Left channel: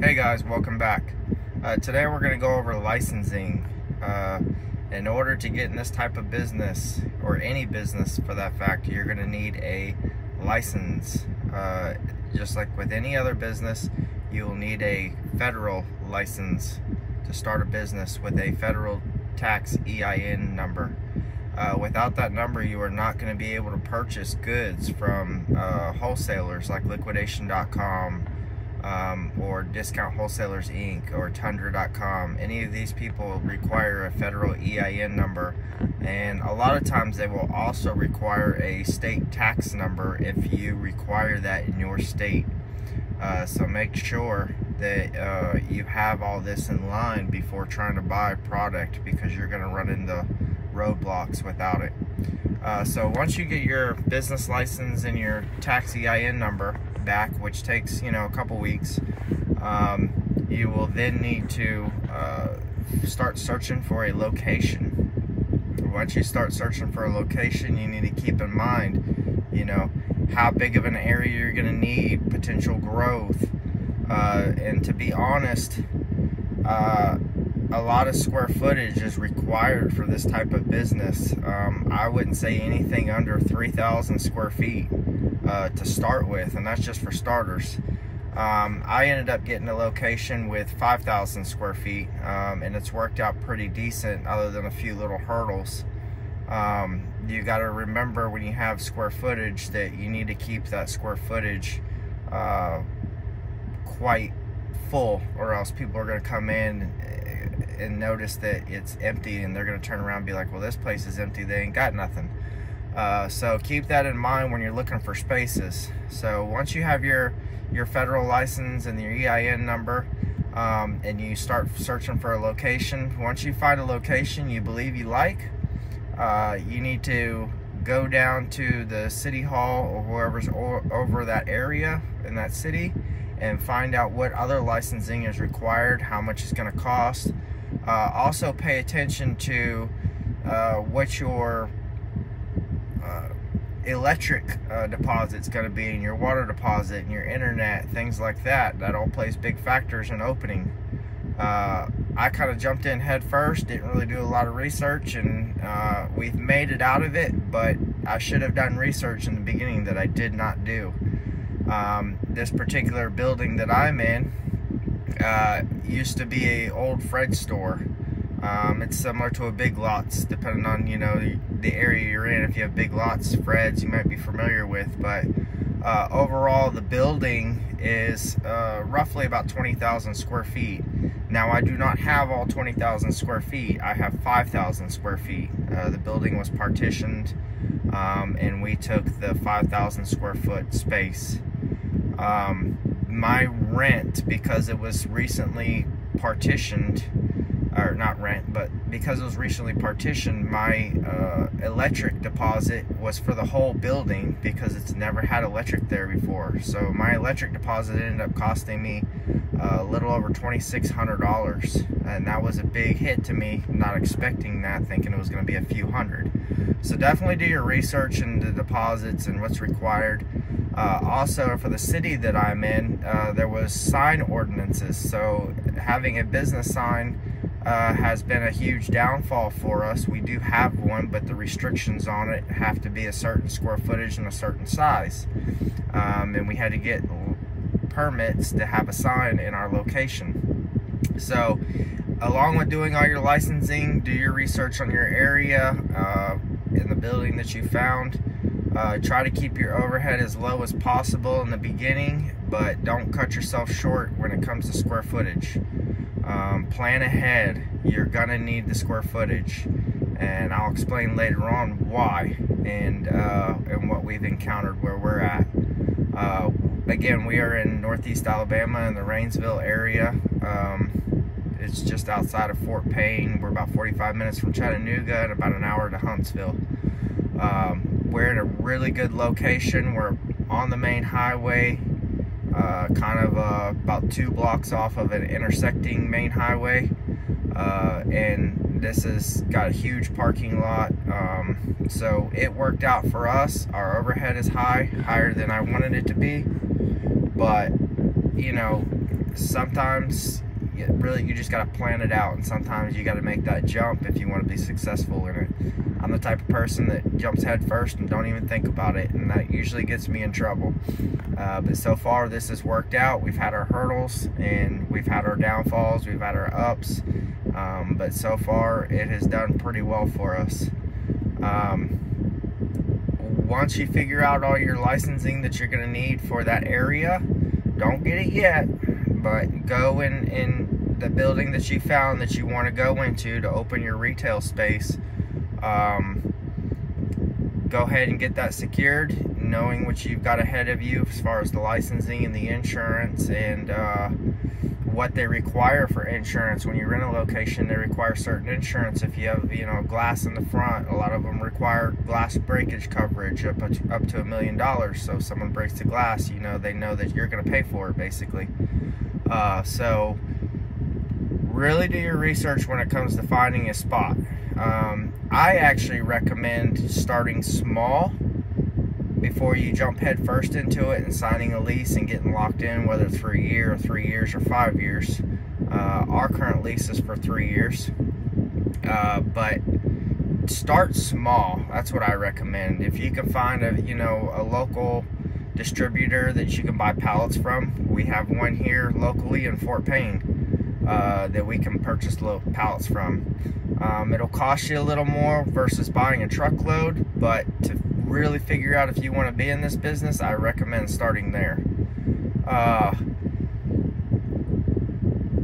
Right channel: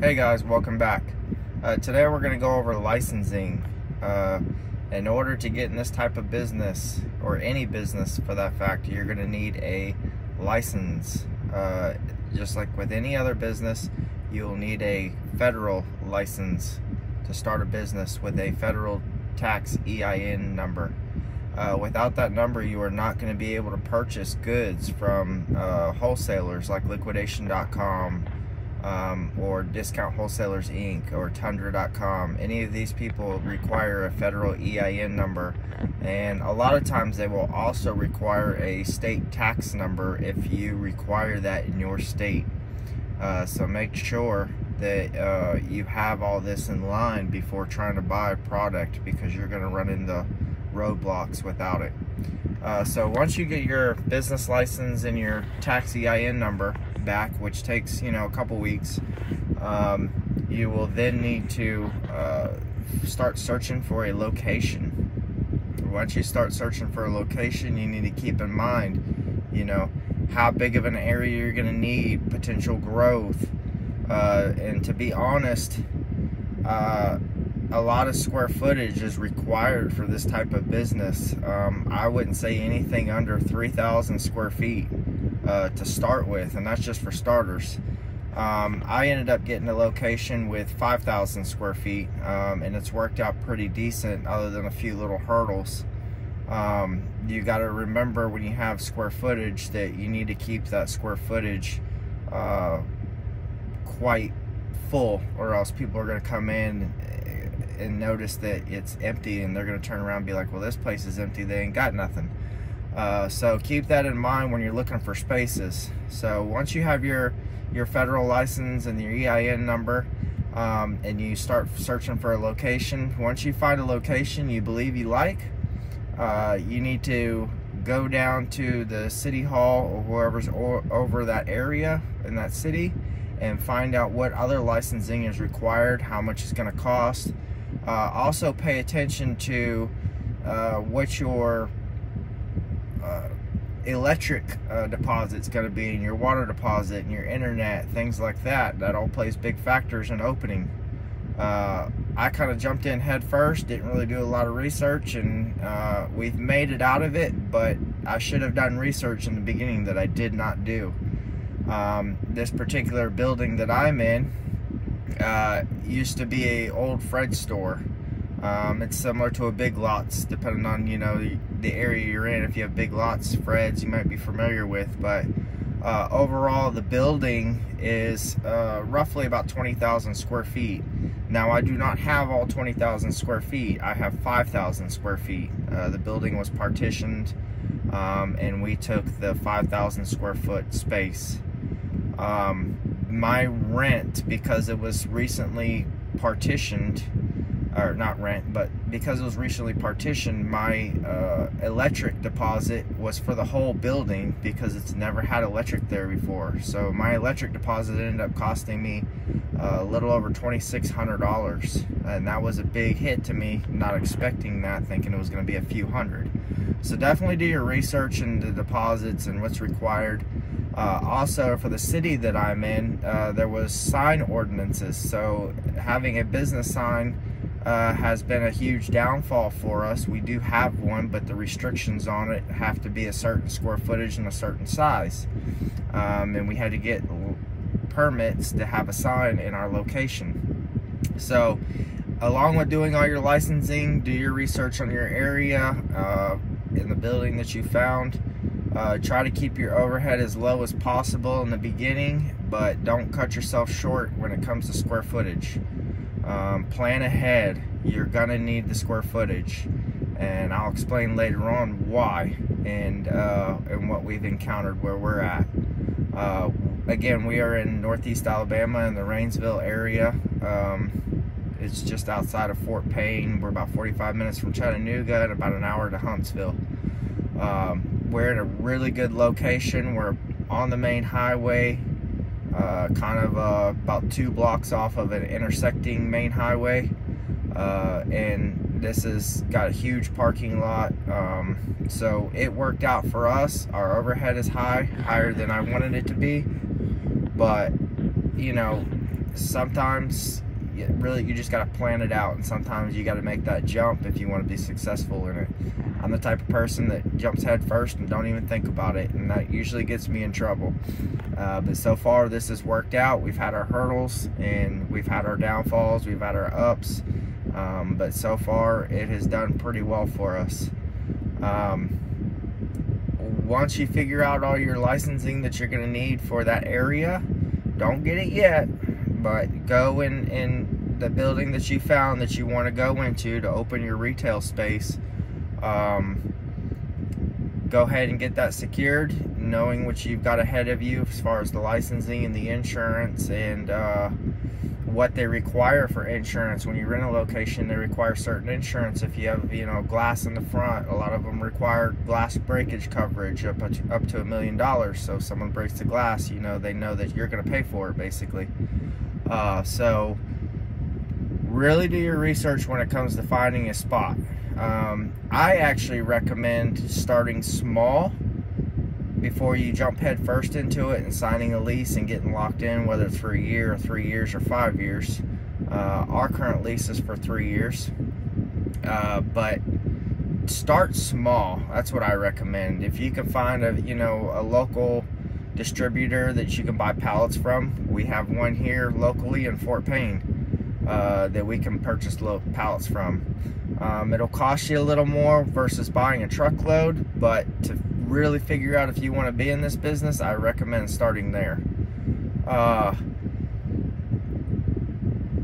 Hey guys, welcome back. Today we're going to go over licensing. In order to get in this type of business, or any business for that fact, you're going to need a license. Just like with any other business, you'll need a federal license to start a business with a federal tax EIN number. Without that number, you are not going to be able to purchase goods from wholesalers like Liquidation.com, or Discount Wholesalers Inc. or Tundra.com. Any of these people require a federal EIN number, and a lot of times they will also require a state tax number if you require that in your state. So make sure that you have all this in line before trying to buy a product, because you're going to run into roadblocks without it. So once you get your business license and your tax EIN number back, which takes a couple weeks, you will then need to start searching for a location. Once you start searching for a location, you need to keep in mind how big of an area you're going to need, potential growth, and to be honest, a lot of square footage is required for this type of business. I wouldn't say anything under 3,000 square feet to start with, and that's just for starters. I ended up getting a location with 5,000 square feet, and it's worked out pretty decent other than a few little hurdles. You got to remember, when you have square footage, that you need to keep that square footage quite full, or else people are going to come in and notice that it's empty, and they're going to turn around and be like, well, this place is empty, they ain't got nothing. So keep that in mind when you're looking for spaces. So once you have your federal license and your EIN number, and you start searching for a location, once you find a location you believe you like, you need to go down to the city hall or whoever's over that area in that city and find out what other licensing is required, how much it's going to cost. Also pay attention to what your electric deposit's going to be, and your water deposit, and your internet, things like that. That all plays big factors in opening. I kind of jumped in head first, didn't really do a lot of research, and we've made it out of it, but I should have done research in the beginning that I did not do. This particular building that I'm in used to be a old Fred store. It's similar to a Big Lots, depending on the area you're in. If you have Big Lots, Fred's, you might be familiar with, but overall the building is roughly about 20,000 square feet. Now, I do not have all 20,000 square feet. I have 5,000 square feet. The building was partitioned, and we took the 5,000 square foot space. My rent, because it was recently partitioned, or not rent, but because it was recently partitioned, my electric deposit was for the whole building, because it's never had electric there before. So my electric deposit ended up costing me a little over $2,600, and that was a big hit to me, not expecting that, thinking it was going to be a few hundred. So definitely do your research into the deposits and what's required. Also, for the city that I'm in, there was sign ordinances, so having a business sign has been a huge downfall for us. We do have one, but the restrictions on it have to be a certain square footage and a certain size, and we had to get permits to have a sign in our location. So along with doing all your licensing, do your research on your area, in the building that you found. Try to keep your overhead as low as possible in the beginning, but don't cut yourself short when it comes to square footage. Plan ahead. You're gonna need the square footage, and I'll explain later on why and what we've encountered where we're at. Again, we are in Northeast Alabama in the Rainsville area. It's just outside of Fort Payne. We're about 45 minutes from Chattanooga and about an hour to Huntsville. We're in a really good location. We're on the main highway, kind of about 2 blocks off of an intersecting main highway, and this has got a huge parking lot, so it worked out for us. Our overhead is higher than I wanted it to be, but sometimes you just got to plan it out, and sometimes you got to make that jump if you want to be successful in it. I'm the type of person that jumps head first and don't even think about it, and that usually gets me in trouble. But so far this has worked out. We've had our hurdles and we've had our downfalls, we've had our ups, but so far it has done pretty well for us. Once you figure out all your licensing that you're going to need for that area, don't get it yet, but go in the building that you found that you want to go into to open your retail space. Go ahead and get that secured, knowing what you've got ahead of you as far as the licensing and the insurance, and what they require for insurance. When you rent a location, they require certain insurance. If you have, you know, glass in the front, a lot of them require glass breakage coverage up to $1 million. So if someone breaks the glass, you know, they know that you're going to pay for it, basically. So really do your research when it comes to finding a spot. I actually recommend starting small before you jump head first into it and signing a lease and getting locked in, whether it's for a year or 3 years or 5 years. Our current lease is for 3 years, but start small. That's what I recommend. If you can find a local distributor that you can buy pallets from, we have one here locally in Fort Payne that we can purchase pallets from. It'll cost you a little more versus buying a truckload, but to really figure out if you want to be in this business, I recommend starting there.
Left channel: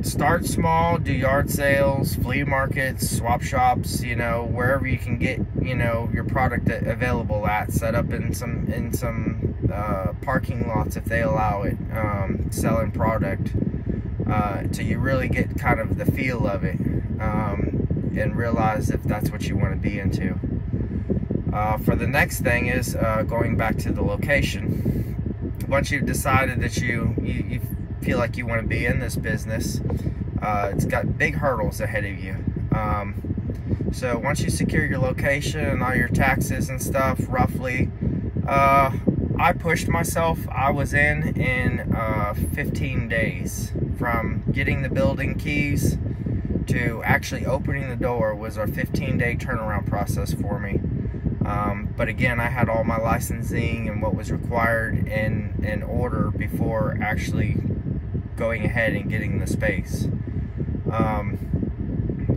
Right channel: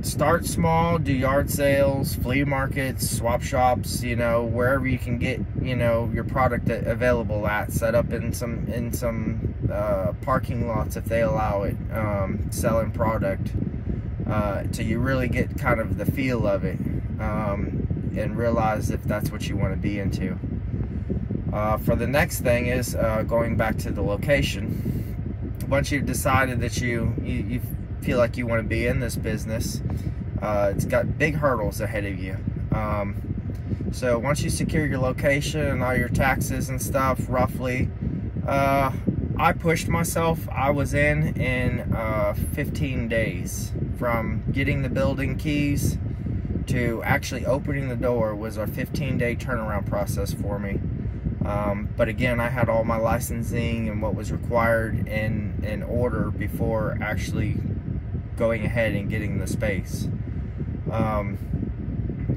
Start small, do yard sales, flea markets, swap shops, you know, wherever you can get, you know, your product available at. Set up in some parking lots if they allow it, selling product, till you really get kind of the feel of it, and realize if that's what you want to be into. For the next thing is going back to the location. Once you've decided that you feel like you want to be in this business, it's got big hurdles ahead of you. So once you secure your location and all your taxes and stuff, roughly, I pushed myself. I was in 15 days from getting the building keys to actually opening the door. Was a 15-day turnaround process for me. But again, I had all my licensing and what was required in order before actually going ahead and getting the space.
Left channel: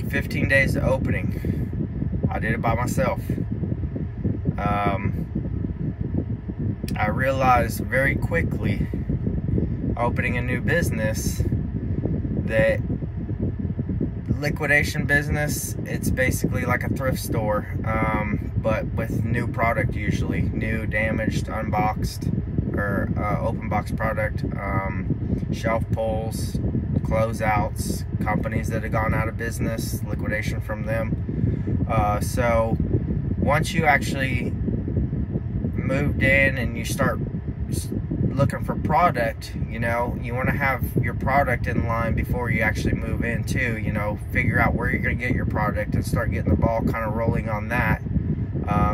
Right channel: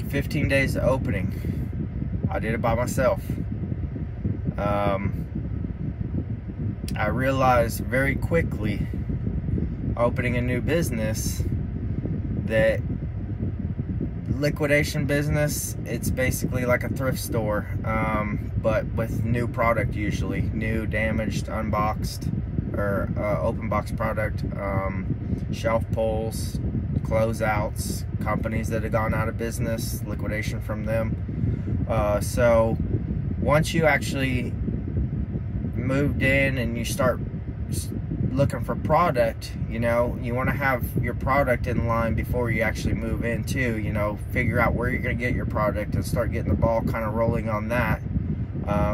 15 days to opening. I did it by myself. I realized very quickly, opening a new business, that liquidation business, it's basically like a thrift store, but with new product, usually new, damaged, unboxed, or open box product, shelf pulls, closeouts, companies that have gone out of business, liquidation from them. So once you actually moved in and you start looking for product, you know, you want to have your product in line before you actually move in too. You know, figure out where you're going to get your product and start getting the ball kind of rolling on that.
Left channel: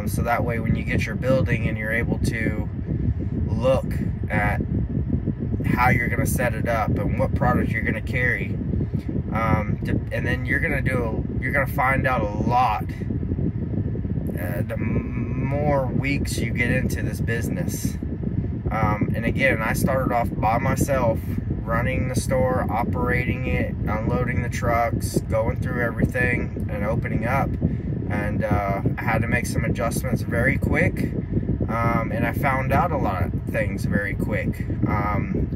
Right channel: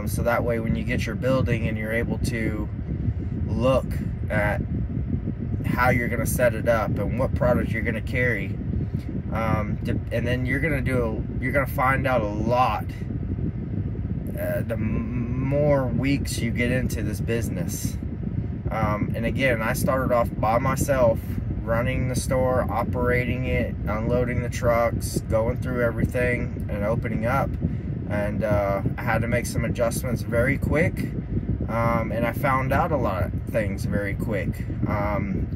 So that way when you get your building and you're able to look at how you're going to set it up and what product you're going to carry, and then you're going to find out a lot the more weeks you get into this business. And again, I started off by myself, running the store, operating it, unloading the trucks, going through everything and opening up. And I had to make some adjustments very quick, and I found out a lot of things very quick.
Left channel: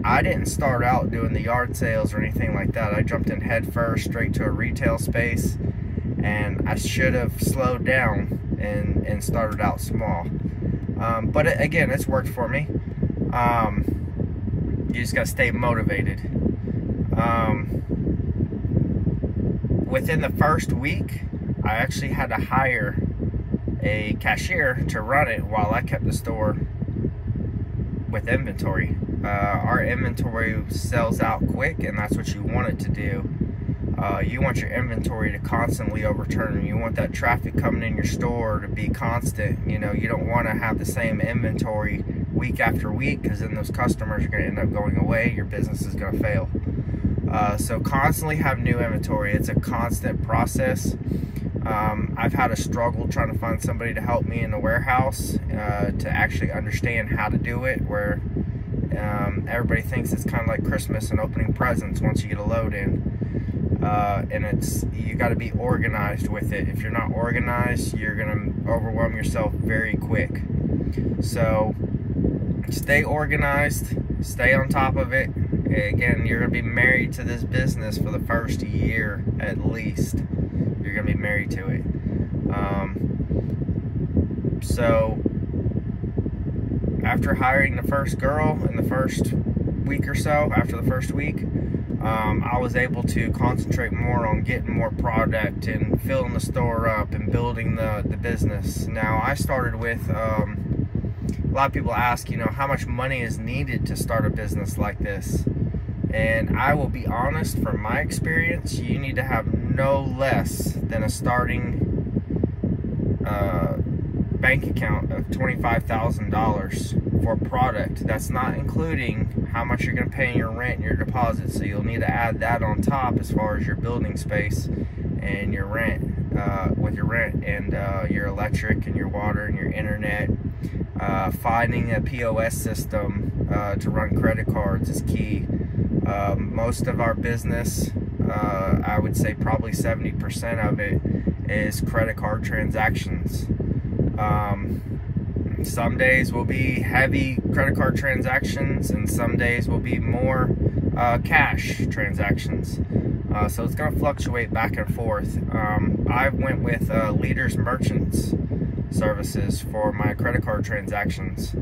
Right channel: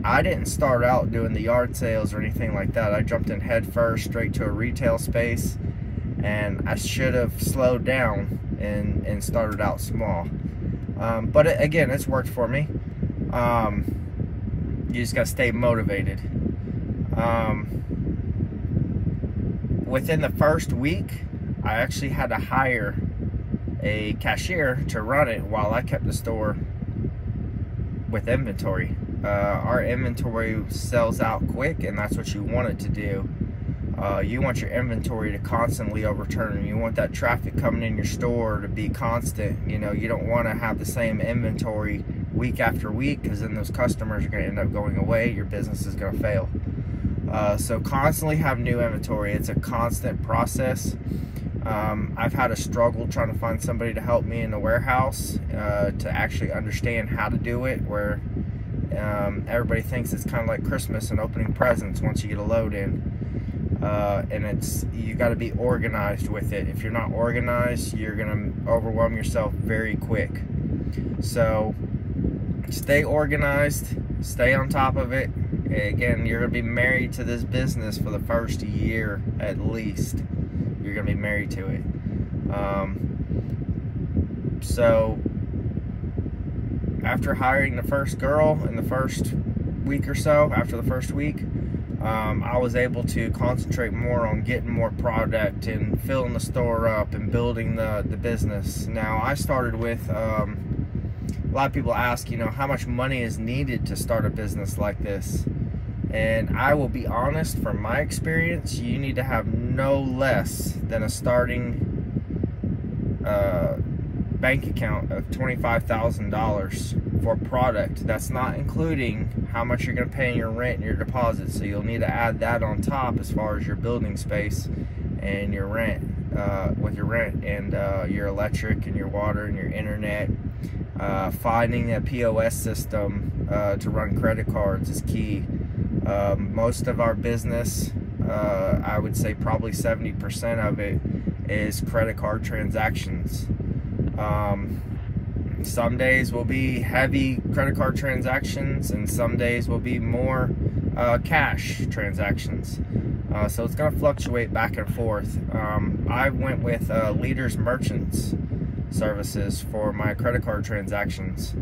I didn't start out doing the yard sales or anything like that. I jumped in head first straight to a retail space, and I should have slowed down and started out small. But again, it's worked for me. You just got to stay motivated. Within the first week, I actually had to hire a cashier to run it while I kept the store with inventory. Our inventory sells out quick, and that's what you want it to do. You want your inventory to constantly overturn. You want that traffic coming in your store to be constant. You know, you don't want to have the same inventory week after week, because then those customers are going to end up going away. Your business is going to fail. So constantly have new inventory. It's a constant process. I've had a struggle trying to find somebody to help me in the warehouse to actually understand how to do it, where everybody thinks it's kind of like Christmas and opening presents once you get a load in. And you got to be organized with it. If you're not organized, you're going to overwhelm yourself very quick. So stay organized, stay on top of it. Again, you're going to be married to this business for the first year at least. You're going to be married to it. So after hiring the first girl in the first week or so, after the first week, I was able to concentrate more on getting more product and filling the store up and building the business. Now, I started with, a lot of people ask, you know, how much money is needed to start a business like this? And I will be honest, from my experience, you need to have no less than a starting bank account of $25,000 for product. That's not including how much you're going to pay in your rent and your deposit. So you'll need to add that on top as far as your building space and your rent, with your rent and your electric and your water and your internet. Finding a POS system to run credit cards is key. Most of our business, I would say probably 70% of it is credit card transactions. Some days will be heavy credit card transactions, and some days will be more cash transactions. So it's going to fluctuate back and forth. I went with Leaders Merchants Services for my credit card transactions.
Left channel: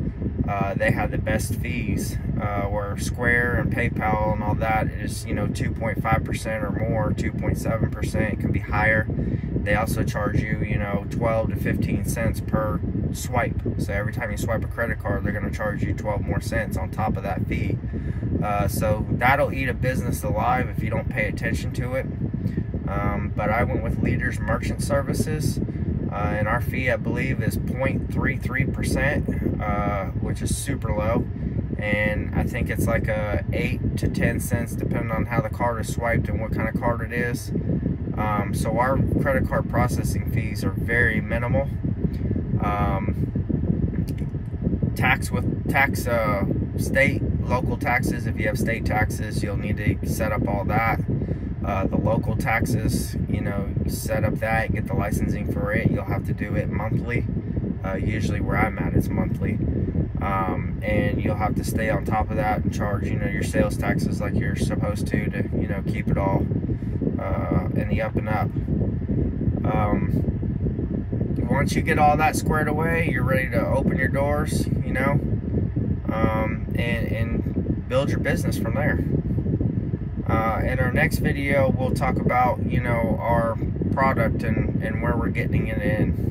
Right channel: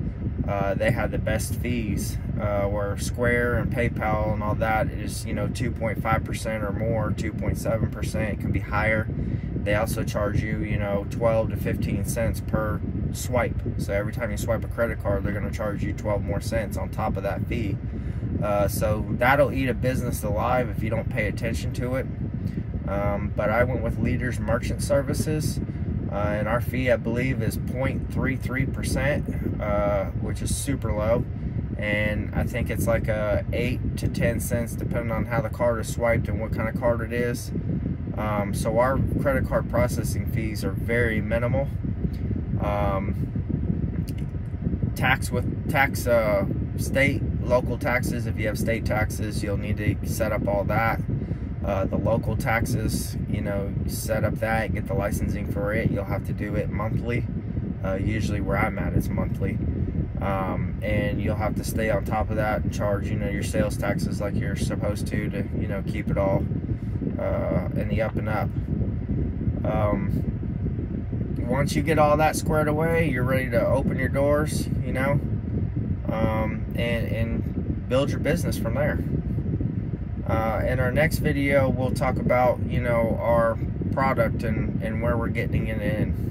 They had the best fees, where Square and PayPal and all that is, you know, 2.5% or more, 2.7%. It can be higher. They also charge you, you know, 12 to 15 cents per swipe. So every time you swipe a credit card, they're going to charge you 12 more cents on top of that fee. So that'll eat a business alive if you don't pay attention to it. But I went with Leaders Merchant Services. And our fee, I believe, is 0.33%, which is super low. And I think it's like 8 to 10 cents, depending on how the card is swiped and what kind of card it is. So our credit card processing fees are very minimal. State, local taxes, if you have state taxes, you'll need to set up all that. The local taxes, you know, set up that, get the licensing for it. You'll have to do it monthly. Usually where I'm at is monthly. And you'll have to stay on top of that and charge, you know, your sales taxes like you're supposed to, you know, keep it all in the up and up. Once you get all that squared away, you're ready to open your doors, you know, and build your business from there. In our next video, we'll talk about, you know, our product and where we're getting it in.